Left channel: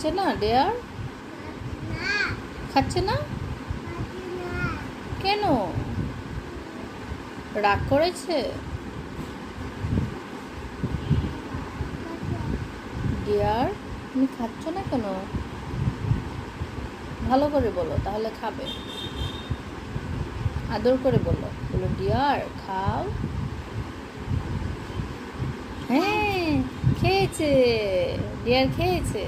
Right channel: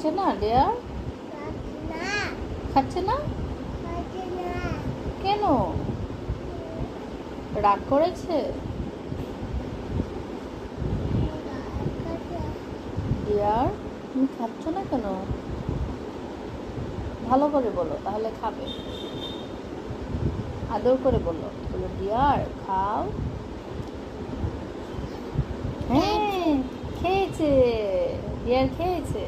খাচ্ছে না ডিয়ার? খাচ্ছে না কেন? রাগ করেছে? ডিয়ার তুমি খাচ্ছ না কেন? ভালো করে বলো, তাহলে খাবে। আদর করে বলো, বলো ডিয়ার খাও। হ্যাঁ, খেয়েছে। ডিয়ার খেয়েছে।